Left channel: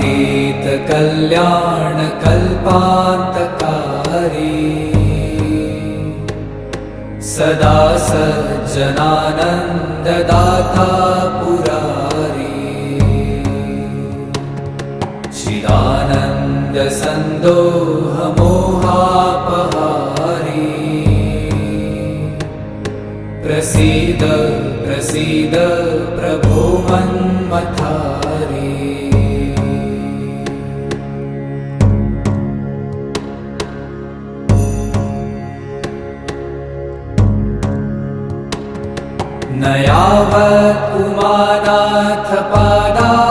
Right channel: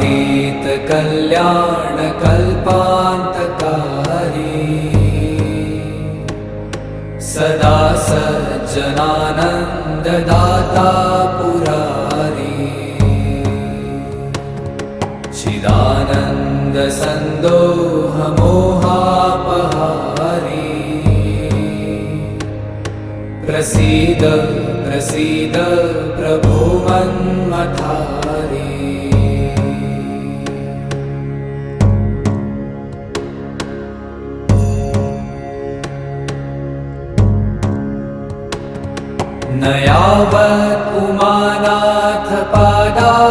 कालातीत कल्याण कल्पान्तकारी सदा सज्जनानन्ददाता पुरारी चिदानन्द सन्दोह मोहापहारी प्रसीद प्रसीद प्रभो मन्मथारी न यावत् उमानाथ पादा